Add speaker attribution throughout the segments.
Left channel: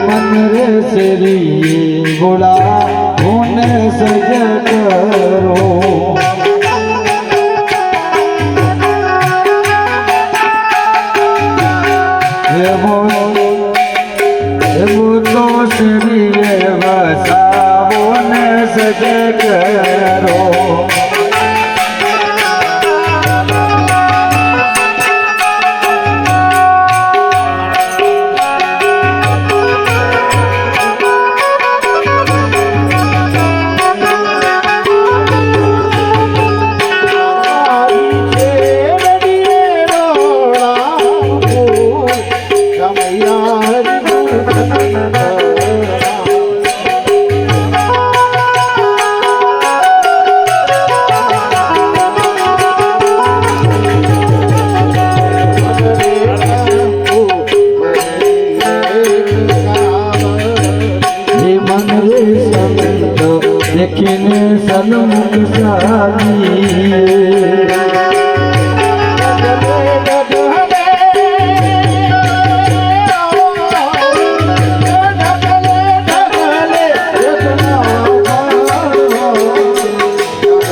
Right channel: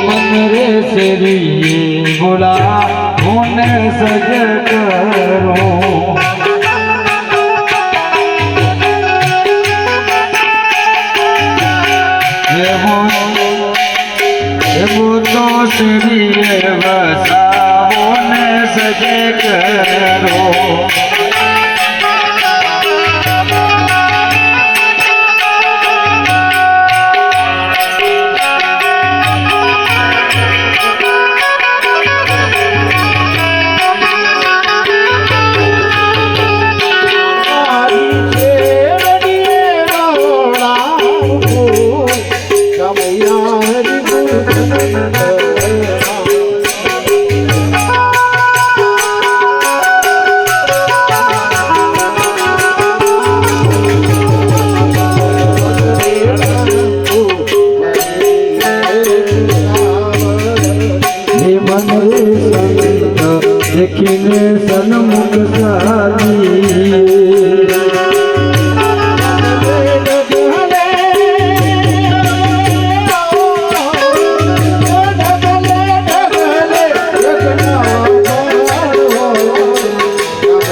Speaker 1: મન રે શરીએ ભોલા હું સજ કરો સજ કરો દેખીને સન્મુખ સાધી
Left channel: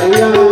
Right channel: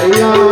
Speaker 2: Yeah.